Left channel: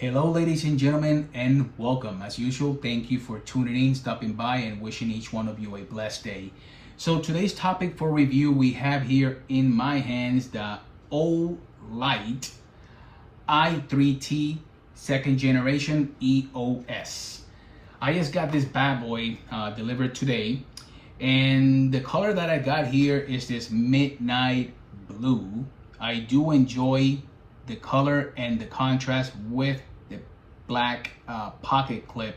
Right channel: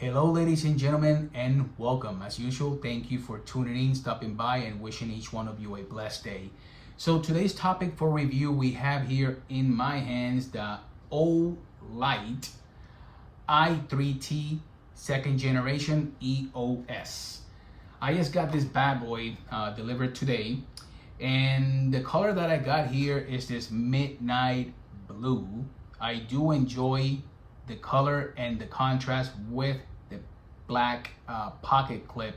Hello ladies and gentlemen, and welcome. As usual, thank you for tuning in, stopping by, and wishing each one of you a blessed day. So today's topic for review, we have here in my hands the Olight I 2nd generation EOS. I just got this bad boy delivered today, and the color that I got here is this midnight blue. I do enjoy the color and the contrast with the black pocket clip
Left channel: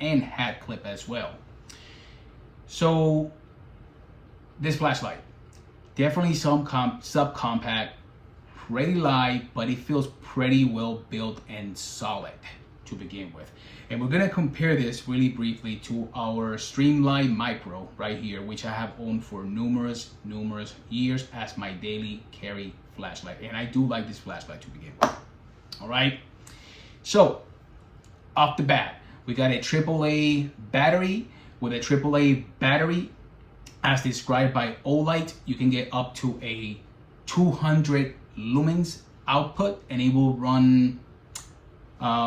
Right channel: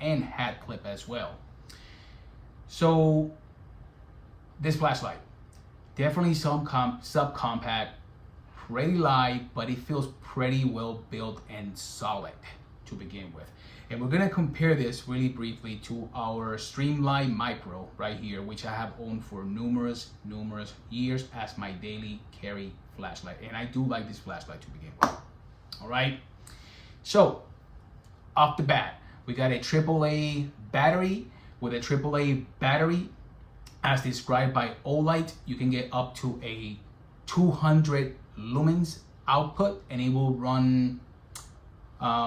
and hat clip as well. So this flashlight, definitely some subcompact, pretty light, but it feels pretty well built and solid to begin with. And we're gonna compare this really briefly to our Streamlight Micro right here, which I have owned for numerous years as my daily carry flashlight. And I do like this flashlight to begin with. All right, so off the bat, we got a AAA battery. With a AAA battery, as described by Olight, you can get up to a 200 lumens output, and it will run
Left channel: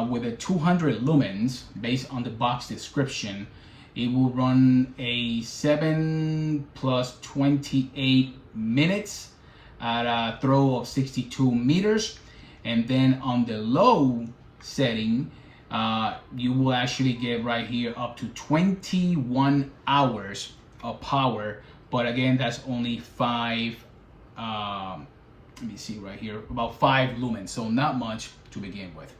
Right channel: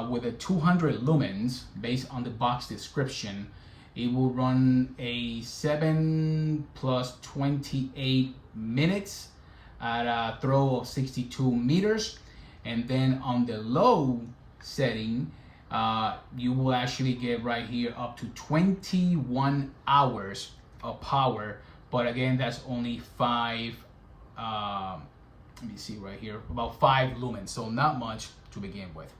with a 200 lumens, based on the box description, it will run a 7 plus 28 minutes at a throw of 62 meters. And then on the low setting, you will actually get right here up to 21 hours of power. But again, that's only 5, let me see right here, about 5 lumens, so not much to begin with.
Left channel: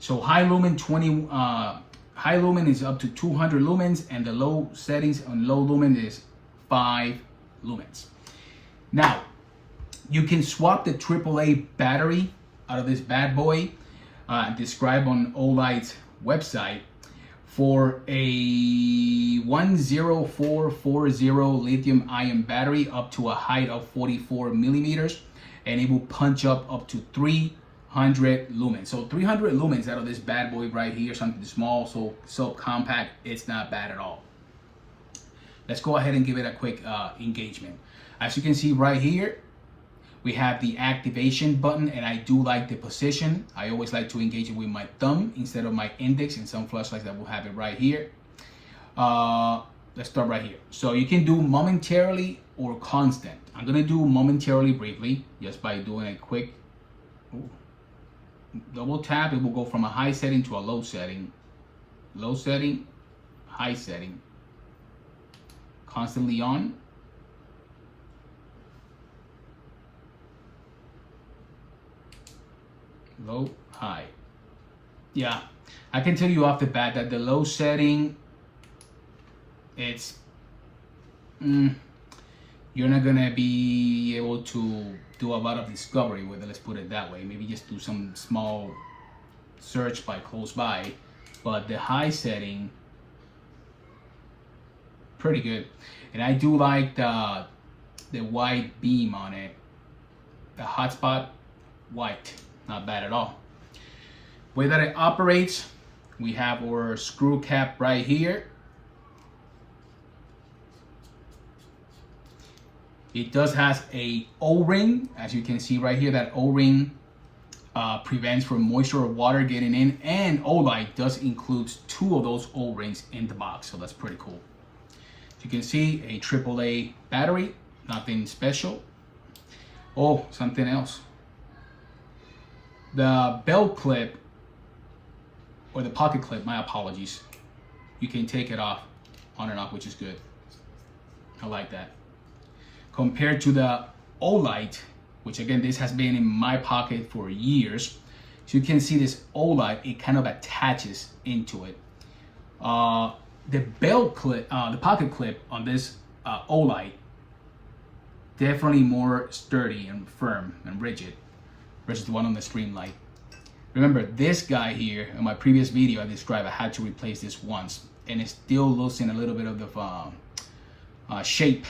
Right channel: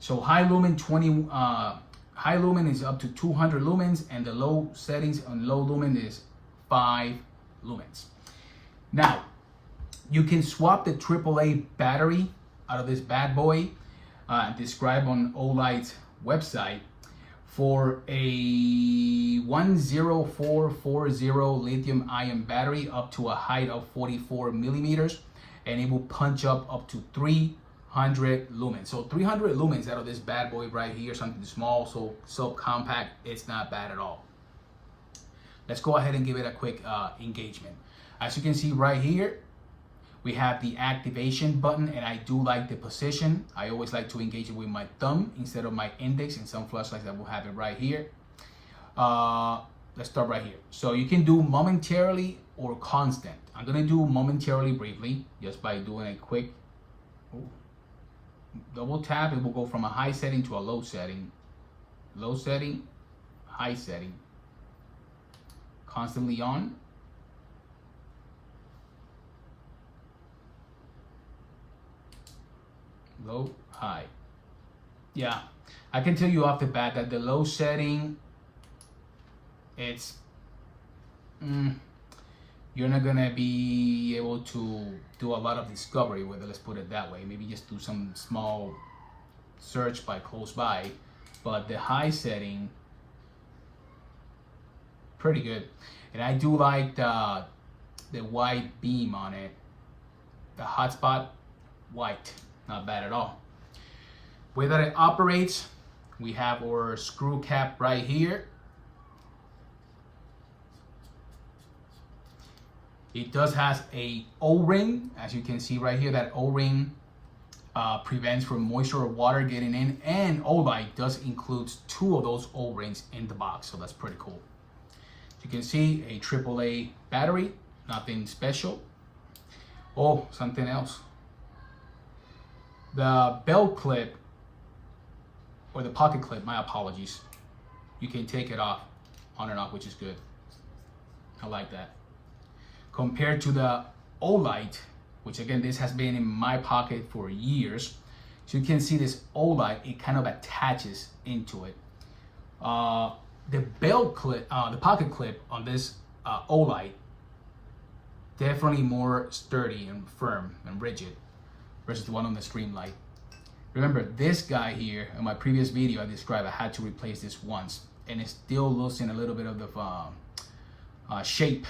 So high lumen high lumen is up to 200 lumens, and the low settings on low lumen is 5 lumens. Now, you can swap the AAA battery out of this bad boy, described on Olight's website, for a 10440 lithium ion battery up to a height of 44 millimeters, and it will punch up to 300 lumens. So 300 lumens out of this bad boy right here, something small, so compact, it's not bad at all. Let's go ahead and give it a quick engagement. As you can see right here, we have the activation button, and I do like the position. I always like to engage it with my thumb instead of my index. In some flashlights that will have it right here. Let's start right here. So you can do momentarily or constant. I'm gonna do momentarily briefly, just by doing a quick double tap. It will go from a high setting to a low setting, high setting, constantly on, low, high. Yeah, I can tell you off the bat that the low setting, it's you're not gonna be able to do a lot of discovery with it, let's put it that way. Maybe just do some small search by close by. But the high setting, pretty good. And I do like the white beam on it. The hotspot, white, not bad at all. Way that it operates, we have our screw cap right here. It does has a O-ring, as you can see right here. That O-ring prevents from moisture or water getting in, and Olight does include 2 of those O-rings in the box, so that's pretty cool. As you can see, a AAA battery, nothing special. Oh, something else. The belt clip, or the pocket clip, my apologies, you can take it off, on and off, which is good. I like that. Compared to the Olight, which again, this has been in my pocket for years. So you can see this Olight, it kind of attaches into it. The belt clip, the pocket clip on this Olight, definitely more sturdy and firm and rigid versus the one on the Streamlight. Remember, this guy here, in my previous video I described, I had to replace this once, and it's still losing a little bit of the shape.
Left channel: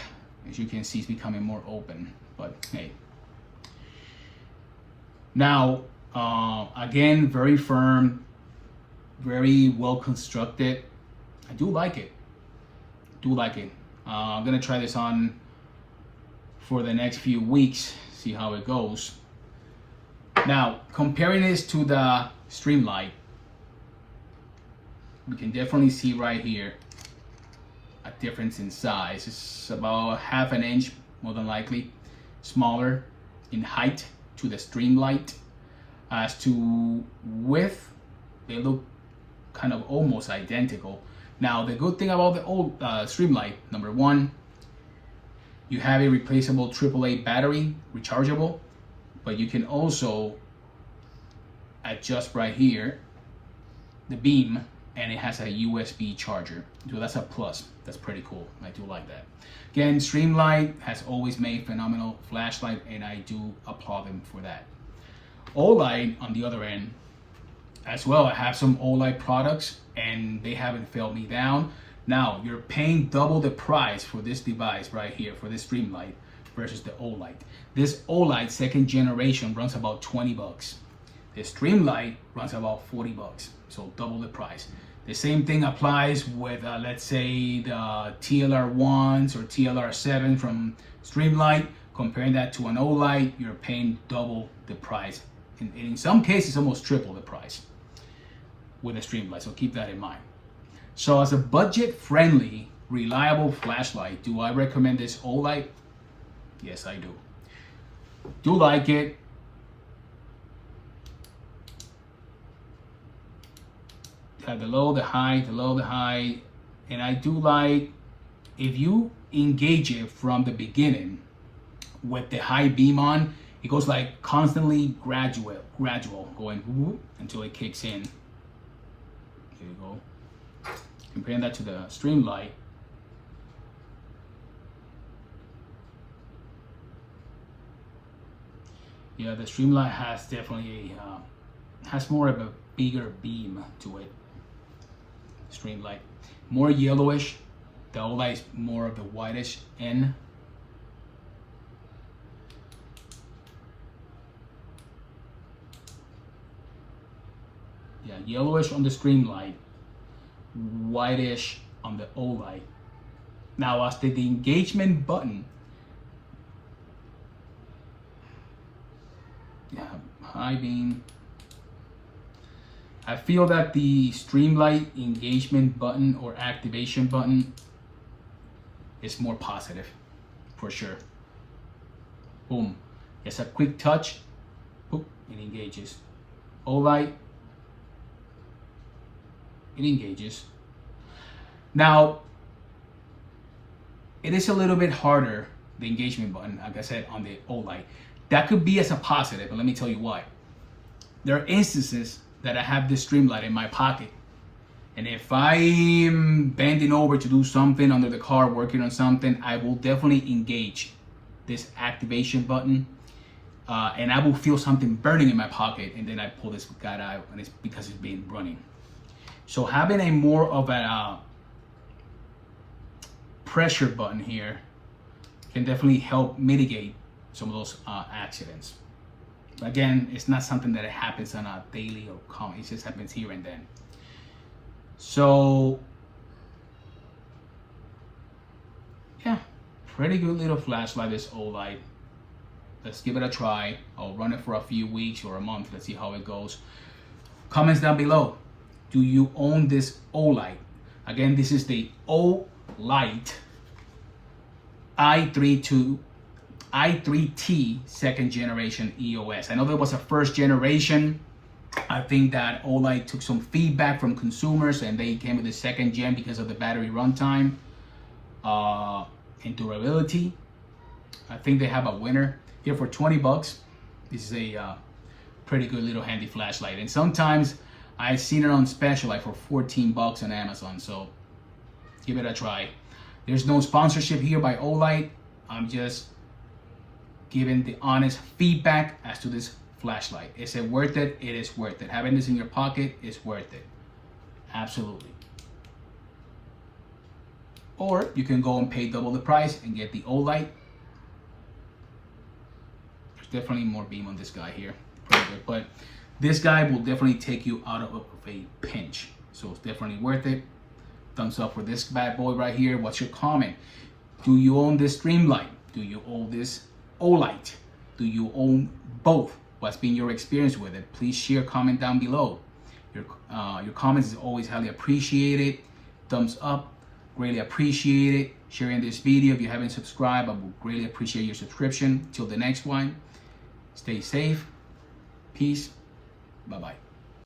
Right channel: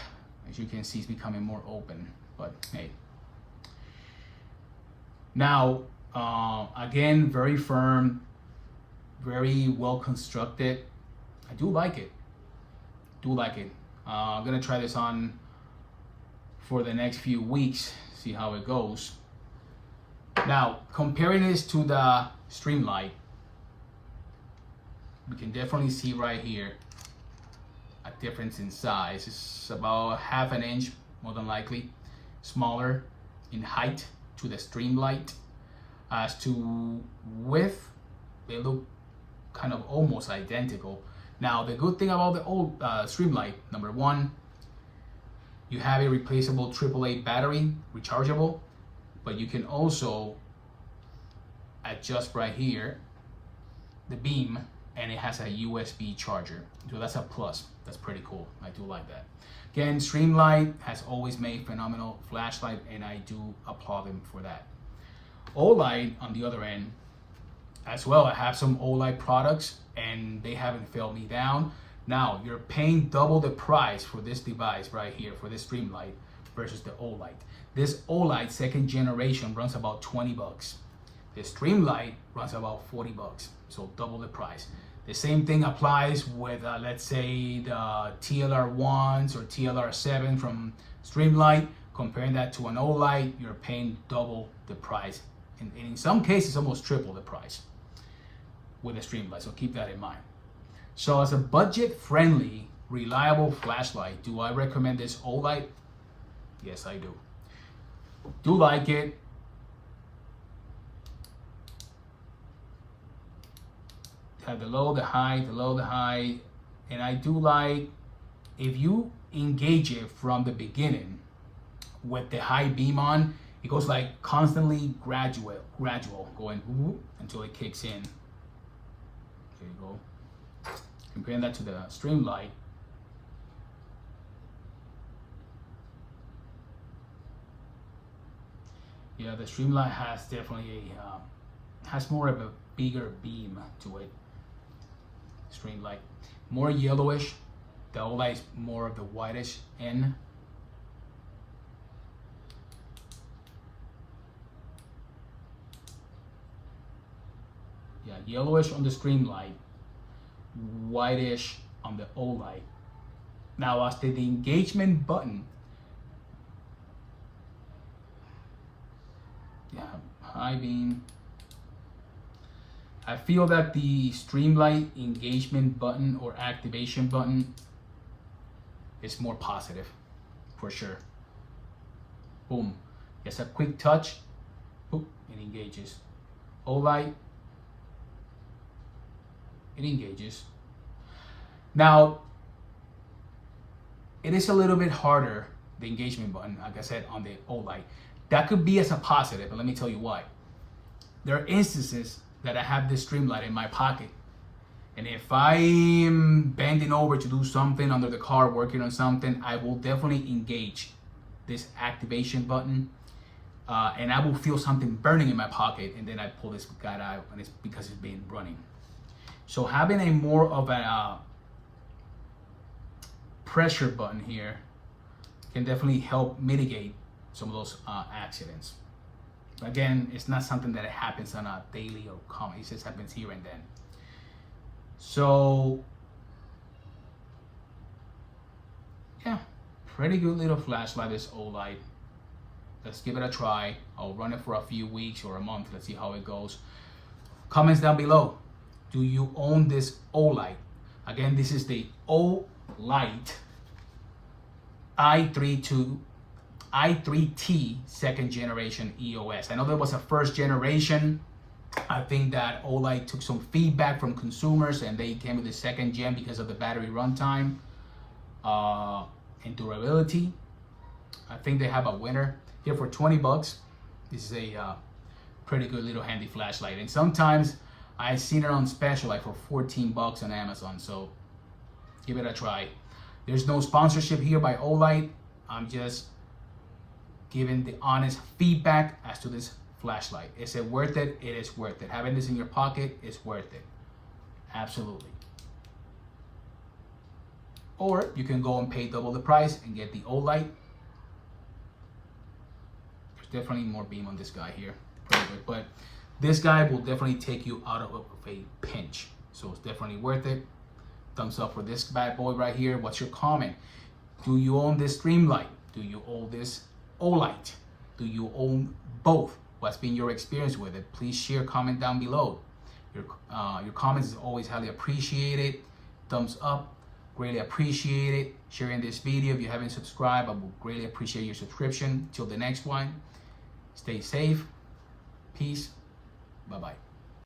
As you can see, it's becoming more open, but hey. Now, again, very firm, very well constructed. I do like it. I'm gonna try this on for the next few weeks, see how it goes. Now, comparing this to the Streamlight, we can definitely see right here a difference in size. It's about half an inch, more than likely, smaller in height to the Streamlight. As to width, they look kind of almost identical. Now, the good thing about the old Streamlight, number one, you have a replaceable AAA battery, rechargeable, but you can also adjust right here the beam, and it has a USB charger. So that's a plus. That's pretty cool. I do like that. Again, Streamlight has always made phenomenal flashlight, and I do applaud them for that. Olight, on the other end, as well, I have some Olight products, and they haven't failed me down. Now, you're paying double the price for this device right here, for this Streamlight, versus the Olight. This Olight second generation runs about 20 bucks. The Streamlight runs about 40 bucks, so double the price. The same thing applies with, let's say, the TLR1s or TLR7 from Streamlight. Comparing that to an Olight, you're paying double the price. In some cases, almost triple the price with a Streamlight, so keep that in mind. So as a budget-friendly, reliable flashlight, do I recommend this Olight? Yes, I do. Do like it. Have the low, the high, the low, the high. And I do like, if you engage it from the beginning with the high beam on, it goes like constantly gradual, going whoop, until it kicks in. There you go. Comparing that to the Streamlight. Yeah, the Streamlight has definitely has more of a bigger beam to it. Streamlight, more yellowish. The Olight is more of the whitish end. Yeah, yellowish on the Streamlight, whitish on the Olight. Now, as to the engagement button, yeah, high beam. I feel that the Streamlight engagement button or activation button is more positive, for sure. Boom. It's a quick touch. Boop, it engages. Olight, it engages. Now, it is a little bit harder, the engagement button, like I said, on the Olight. That could be as a positive, but let me tell you why. There are instances that I have this Streamlight in my pocket, and if I'm bending over to do something under the car, working on something, I will definitely engage this activation button, and I will feel something burning in my pocket, and then I pull this guy out, and it's because it's been running. So having a more of a pressure button here can definitely help mitigate some of those accidents. Again, it's not something that happens on a daily or common. It just happens here and then. So, yeah, pretty good little flashlight, this Olight. Let's give it a try. I'll run it for a few weeks or a month. Let's see how it goes. Comments down below. Do you own this Olight? Again, this is the Olight i3T second generation EOS. I know there was a first generation. I think that Olight took some feedback from consumers and they came with the second gen because of the battery runtime and durability. I think they have a winner here for 20 bucks. This is a pretty good little handy flashlight. And sometimes I've seen it on special, like for 14 bucks on Amazon. So give it a try. There's no sponsorship here by Olight. I'm just giving the honest feedback as to this flashlight. Is it worth it? It is worth it. Having this in your pocket is worth it. Absolutely. Or you can go and pay double the price and get the Olight. There's definitely more beam on this guy here. Pretty good. But this guy will definitely take you out of a pinch. So it's definitely worth it. Thumbs up for this bad boy right here. What's your comment? Do you own this Streamlight? Do you own this Olight? Do you own both? What's been your experience with it? Please share, comment down below. Your comments is always highly appreciated. Thumbs up, greatly appreciate it. Sharing this video. If you haven't subscribed, I would greatly appreciate your subscription. Till the next one, stay safe. Peace. Bye-bye.